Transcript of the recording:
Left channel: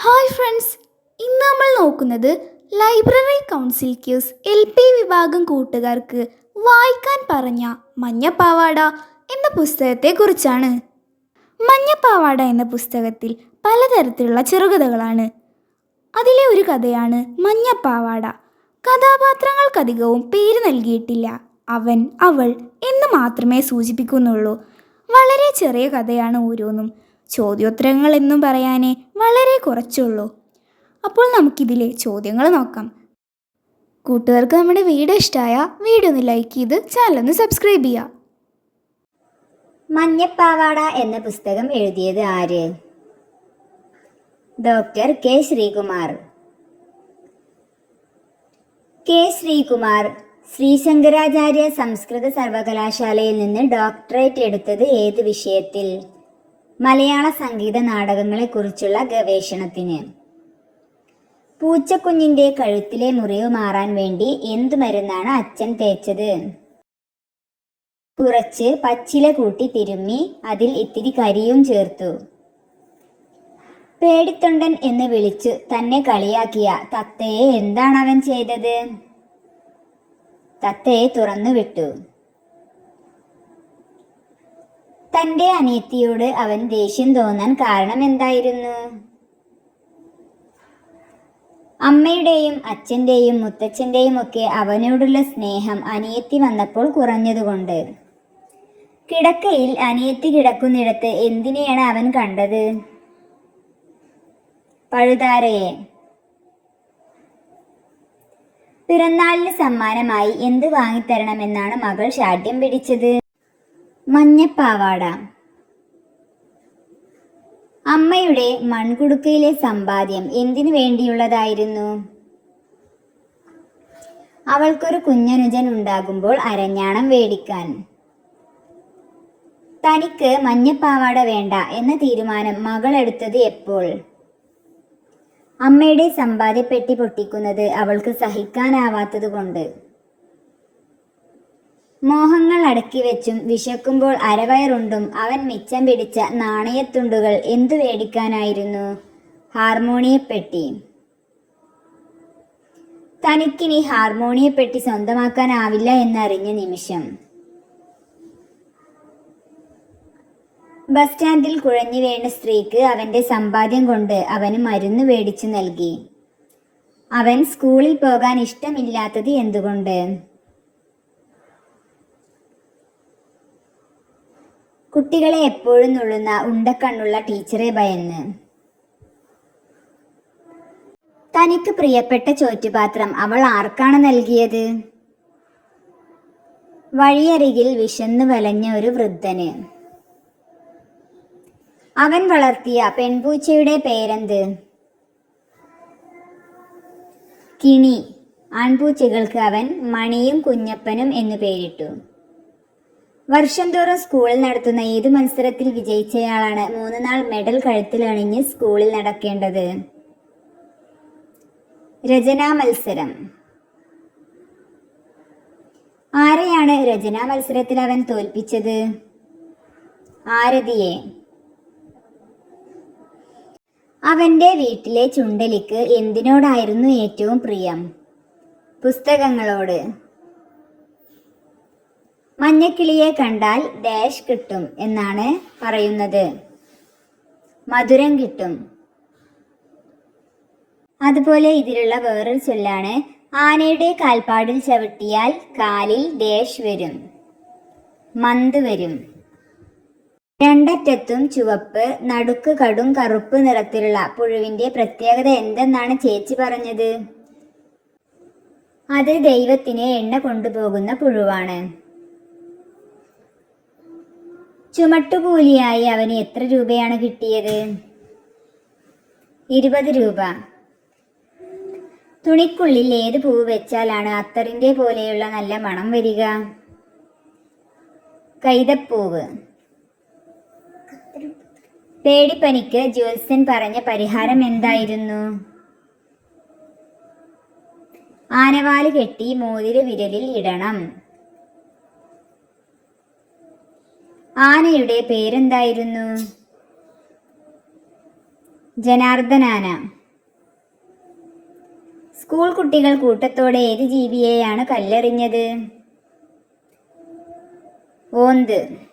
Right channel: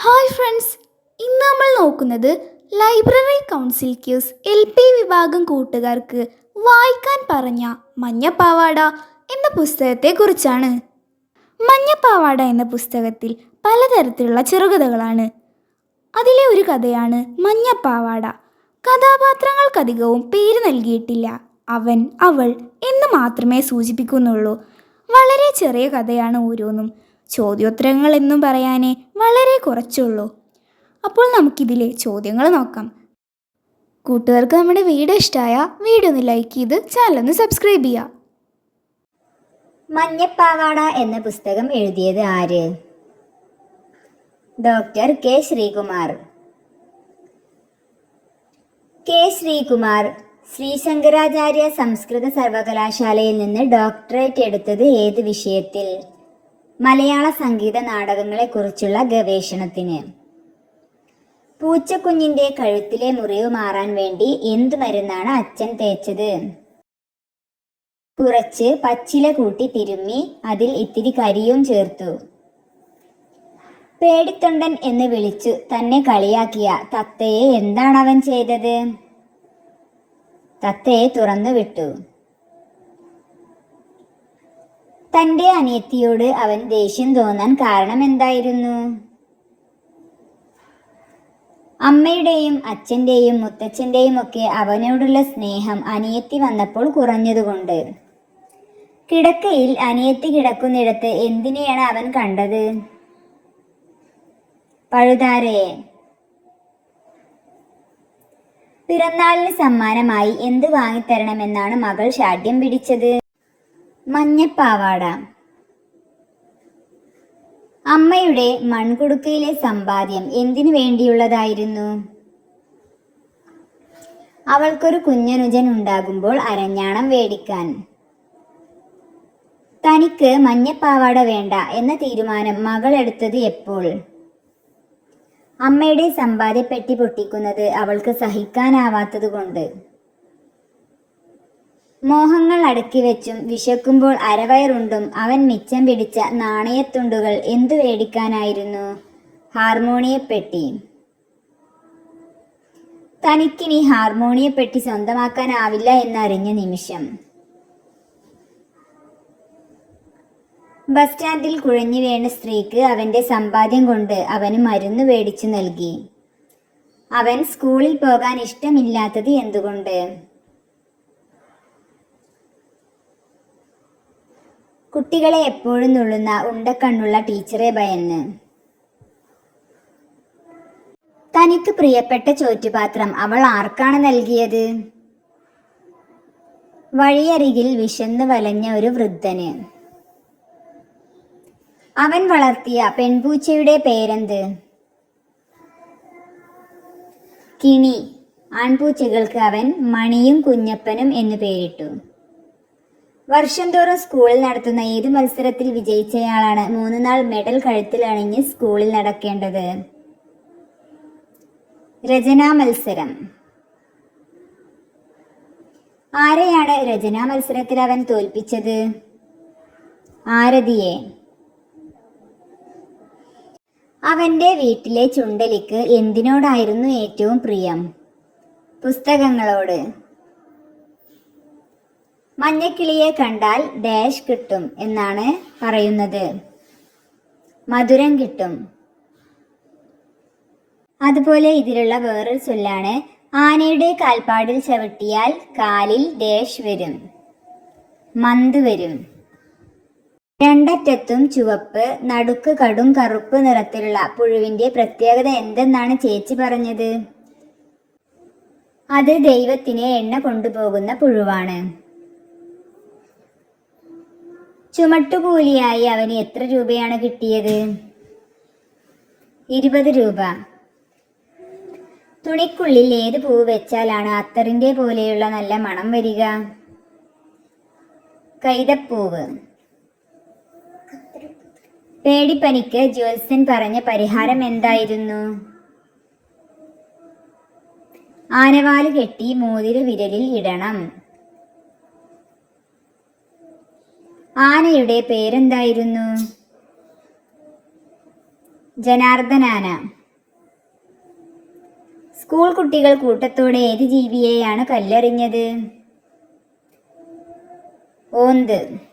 Hi friends ഇന്ന് നമ്മൾ നോക്കുന്നത് library council quiz L P വിഭാഗം കൂട്ടുകാർക്ക് വായിക്കാൻ പറഞ്ഞ മഞ്ഞപ്പാവാട എന്ന പുസ്തകത്തെക്കുറിച്ചാണ്. മഞ്ഞപ്പാവാട എന്ന പുസ്തകത്തിൽ പലതരത്തിലുള്ള ചെറുകഥകളാണ്. അതിലെ ഒരു കഥയാണ് മഞ്ഞപ്പാവാട. കഥാപാത്രങ്ങൾക്കധികവും പേര് നൽകിയിട്ടില്ല. അവൻ അവൾ എന്ന് മാത്രമേ സൂചിപ്പിക്കുന്നുള്ളൂ. വളരെ ചെറിയ കഥയാണ് ഓരോന്നും. ചോദ്യോത്തരങ്ങൾ എന്നും പറയാനേ വളരെ കുറച്ചുള്ളൂ. അപ്പോൾ നമുക്കിതിലെ ചോദ്യങ്ങൾ നോക്കാം. കൂട്ടുകാർക്ക് നമ്മുടെ വീഡിയോ ഇഷ്ടമായ വീഡിയോ ഒന്ന് ലൈക്ക് ചെയ്ത് ചാനൽ ഒന്ന് സബ്സ്ക്രൈബ് ചെയ്യുക മഞ്ഞപ്പാവാട എന്ന പുസ്തകം എഴുതിയത് ആര്? Doctor K Sreekumar. K Sreekumar Sree Sankaracharya സംസ്കൃത സർവകലാശാലയിൽ നിന്ന് ഡോക്ടറേറ്റ് എടുത്തത് ഏത് വിഷയത്തിൽ? മലയാള സംഗീത നാടകങ്ങളെക്കുറിച്ചുള്ള ഗവേഷണത്തിന്. പൂച്ചക്കുഞ്ഞിന്റെ കഴുത്തിലെ മുറിവ് മാറാൻ വേണ്ടി എന്തു മരുന്നാണ് അച്ഛൻ തേച്ചത്? കുറച്ച് പച്ചില കൂട്ടി തിരുമ്മി അതിൽ ഇത്തിരി കരിയും ചേർത്തു. പേടിത്തൊണ്ടൻ എന്ന് വിളിച്ചു തന്നെ കളിയാക്കിയ തത്തയെ എന്താണ് അവൻ ചെയ്തത്? തത്തയെ തുറന്നു വിട്ടു. തന്റെ അനിയത്തിയോട് അവൻ ദേഷ്യം തോന്നാൻ കാരണം എന്തായിരുന്നു? അമ്മയുടെയും അച്ഛന്റെയും മുത്തച്ഛന്റെയും ഒക്കെ അവനോടുള്ള സ്നേഹം അനിയത്തി വന്നപ്പോൾ കുറഞ്ഞതുകൊണ്ട്. കിടക്കയിൽ അനിയത്തി കിടക്കുന്നിടത്ത് എന്തിനെയാണ് അവൻ കണ്ടത്? പഴുതാരയെ പിറന്നാളിന് സമ്മാനമായി എന്ത് വാങ്ങിത്തരണമെന്നാണ് മകൾ ശാഠ്യം പിടിച്ചത്? മഞ്ഞപ്പാവാട. അമ്മയുടെ മൺകുടുക്കയിലെ സമ്പാദ്യം എന്തിനു വേണ്ടിയുള്ളതായിരുന്നു? അവൾക്കൊരു കുഞ്ഞനുജൻ ഉണ്ടാകുമ്പോൾ അരഞ്ഞാണം വേടിക്കാൻ. തനിക്ക് മഞ്ഞപ്പാവാട വേണ്ട എന്ന തീരുമാനം മകൾ എടുത്തത് എപ്പോൾ? അമ്മയുടെ സമ്പാദ്യപ്പെട്ടി പൊട്ടിക്കുന്നത് അവൾക്ക് സഹിക്കാനാവാത്തതുകൊണ്ട്. മോഹങ്ങൾ അടക്കി വെച്ചും വിശക്കുമ്പോൾ അരവയറുണ്ടും അവൻ മിച്ചം പിടിച്ച നാണയത്തുണ്ടുകൾ എന്തു വേടിക്കാനായിരുന്നു ഹാർമോണിയപ്പെട്ടി. തനിക്കിനി ഹാർമോണിയപ്പെട്ടി സ്വന്തമാക്കാനാവില്ല എന്നറിഞ്ഞ നിമിഷം. ബസ് സ്റ്റാൻഡിൽ കുഴഞ്ഞു വീണ സ്ത്രീക്ക് അവന്റെ സമ്പാദ്യം കൊണ്ട് അവന് മരുന്ന് മേടിച്ചു നൽകി. അവൻ സ്കൂളിൽ പോകാൻ ഇഷ്ടമില്ലാത്തത് എന്തുകൊണ്ട്? കുട്ടികളെ എപ്പോഴും നുള്ളുന്ന ഉണ്ടക്കണ്ണുള്ള ടീച്ചറെ ഭയന്ന്. തനിക്ക് പ്രിയപ്പെട്ട ചോറ്റുപാത്രം അവൾ ആർക്കാണ് നൽകിയത്? വഴിയരികിൽ വിശന്ന് വലഞ്ഞ ഒരു വൃദ്ധന്. അവൻ വളർത്തിയ പെൺപൂച്ചയുടെ പേരെന്ത്? കിണി. ആൺപൂച്ചകൾക്ക് അവൻ മണിയും കുഞ്ഞപ്പനും എന്ന് പേരിട്ടു. വർഷം തോറും സ്കൂളിൽ നടത്തുന്ന ഏത് മത്സരത്തിൽ വിജയിച്ചയാളാണ് മൂന്ന് നാൾ മെഡൽ കഴുത്തിലണിഞ്ഞ് സ്കൂളിൽ നടക്കേണ്ടത്? രചനാ മത്സരം. ആരെയാണ് രചനാ മത്സരത്തിൽ അവൻ തോൽപ്പിച്ചത്? ആരതിയെ. അവന്റെ വീട്ടിലെ ചുണ്ടലിക്ക് എന്തിനോടായിരുന്നു ഏറ്റവും പ്രിയം? പുസ്തകങ്ങളോട്. മഞ്ഞക്കിളിയെ കണ്ടാൽ ഡാഷ് കിട്ടും എന്നാണ് പറയുന്നത്. മധുരം കിട്ടും. അതുപോലെ ഇതിലുള്ള വേറൊരു ചൊല്ലാണ് ആനയുടെ കാൽപ്പാടിൽ ചവിട്ടിയാൽ കാലിൽ ഡാഷ് വരും മന്ത് വരും. രണ്ടറ്റത്തും ചുവപ്പ് നടുക്ക് കടും കറുപ്പ് നിറത്തിലുള്ള പുഴുവിന്റെ പ്രത്യേകത എന്തെന്നാണ് ചേച്ചി പറഞ്ഞത്? അത് ദൈവത്തിനെ എണ്ണ കൊണ്ടുപോകുന്ന പുഴുവാണ്. ചുമട്ടുകൂലിയായി അവന് എത്ര രൂപയാണ് കിട്ടിയത്? ഇരുപത് രൂപ. തുണിക്കുള്ളിൽ ഏത് പൂവ് വെച്ചാലാണ് അത്തറിന്റെ പോലെയുള്ള നല്ല മണം വരിക? കൈതപ്പൂവ്. പേടിപ്പനിക്ക് ജ്യോത്സ്യൻ പറഞ്ഞ പരിഹാരം എന്തായിരുന്നു? ആനവാൽ കെട്ടി മോതിര വിരലിൽ ഇടണം. ആനയുടെ പേരെന്തായിരുന്നു? ജനാർദ്ദനാന. സ്കൂൾ കുട്ടികൾ കൂട്ടത്തോടെ ഏത് ജീവിയെയാണ് കല്ലെറിഞ്ഞത്? ഓന്ത്.